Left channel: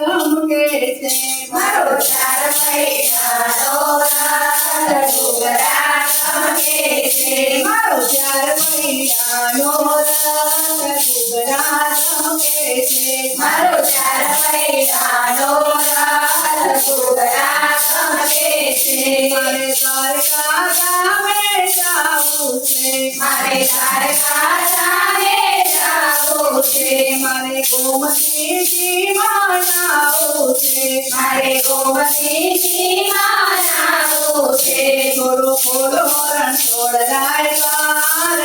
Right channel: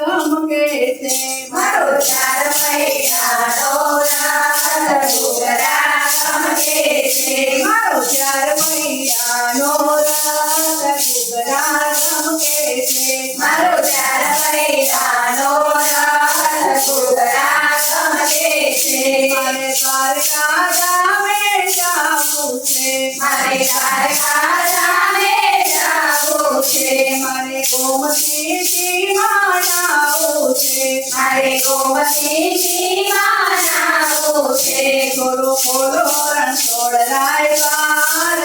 ગમકે છે મારો ચાર પૈડાનો રથ ઘૂઘરા ગમકે છે મારો 4 પૈડાનો રથ ઘૂઘરા ગમકે છે મારો ચાર પૈડાનો રથ ઘૂઘરા ગમકે છે મારે દ્વારકા ધામે જાવું છે મારે દ્વારકા ધામે જાવું છે મારે ગોમતી સીમા નાવું છે મારે ગોમતીજીમાં નાવું છે થોડો ખોલો રણછોડ રાય બાર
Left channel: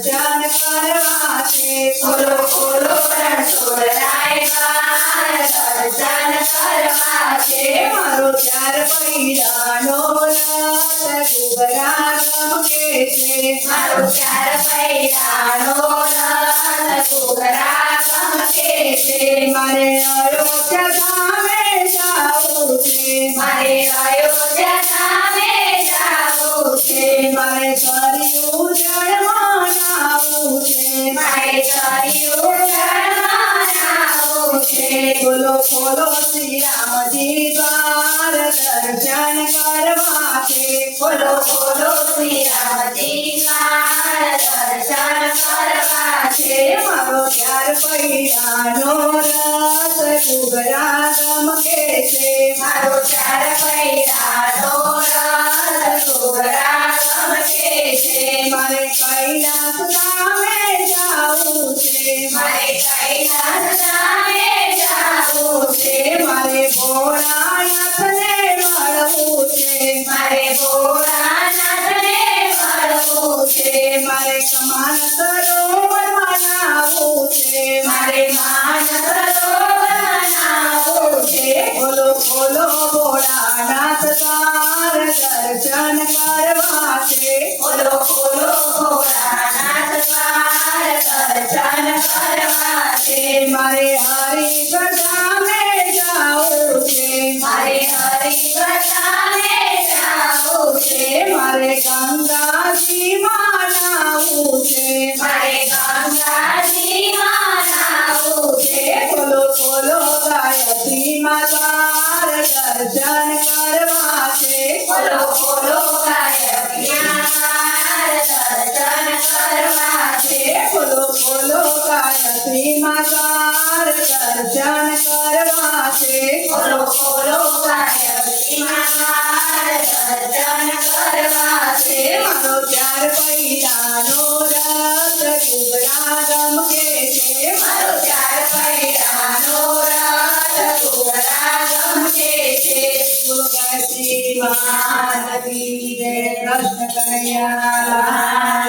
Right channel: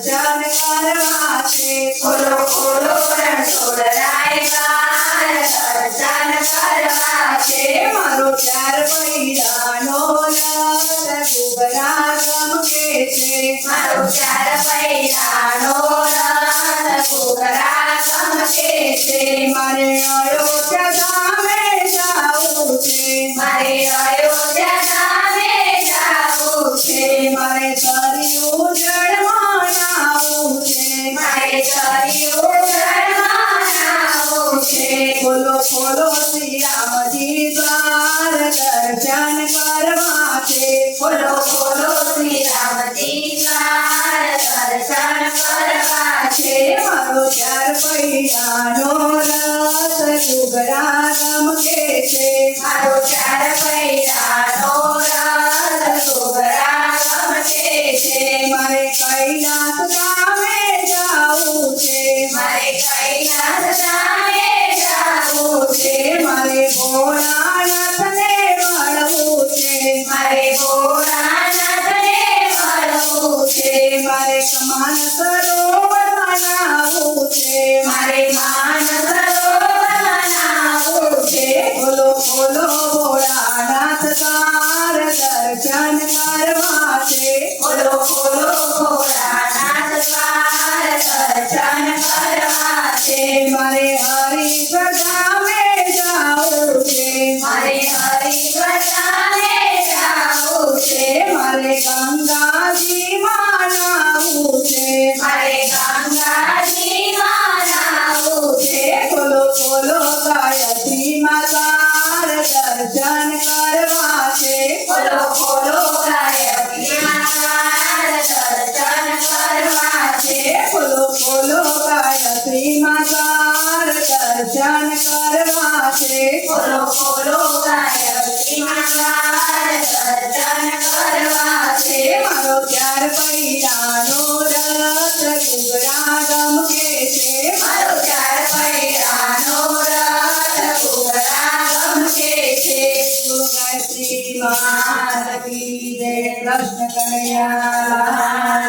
દર્શન કરવા છે ખોલો ખોલો રણછોડ રાય બાર દર્શન કરવા છે મારો 4 પૈડાનો રથ ઘૂઘરા ગમકે છે મારો ચાર પૈડાનો રથ ઘૂઘરા ગમકે છે મારે અયોધ્યા ધામે જાવું છે મારે અયોધ્યા ધામે જાવું છે મારે સરયુ જળમાં નાવું છે મારે સરિયું જળમાં નાવું છે ખોલો ખોલો શ્રી રામજી દ્વાર દર્શન કરવા છે ખોલો ખોલો શ્રી રામજી દ્વાર દર્શન કરવા છે મારો 4 પૈડાનો રથ ઘૂઘરા ગમકે છે મારો ચાર પૈડાનો રથ ઘૂઘરા ગમકે છે મારે કૈલાસ ધામે જાવું છે મારે કૈલાસ ધામે જાવું છે મારે ભોળાનાથને મળવું છે મારે ભોળાનાથને મળવું છે મારે સમાન સરોવરમાં નાવું છે મારે માન સરોવર બનાવવું છે ખોલો ખોલો ભોળાનાથ તાર દર્શન કરવા છે ખોલો ખોલો ભોળાનાથ દ્વાર દર્શન કરવા છે મારે હરિદ્વાર ધામે જાવું છે મારે હરિદ્વારને જાવું છે મારે ગંગાજીમાં નાવું છે મારે ગંગાજીમાં નાવું છે ખોલો ખોલો ગાયત્રી માતાર દર્શન કરવા છે ખોલો ખોલો ગાયત્રીનાર દર્શન કરવા છે ખોલો ખોલો ગાયત્રી માતાર દર્શન કરવા છે ખોલો ખોલો ગાયત્રીનાર દર્શન કરવા છે મારો 4 પૈડાનો રથ ઘૂઘરા ગમકે છે મારો ચાર પૈડાનો રથ ઘૂઘરા ગમકે છે બોલો ગાયત્રી માતા કી જય કૃષ્ણ કનૈયા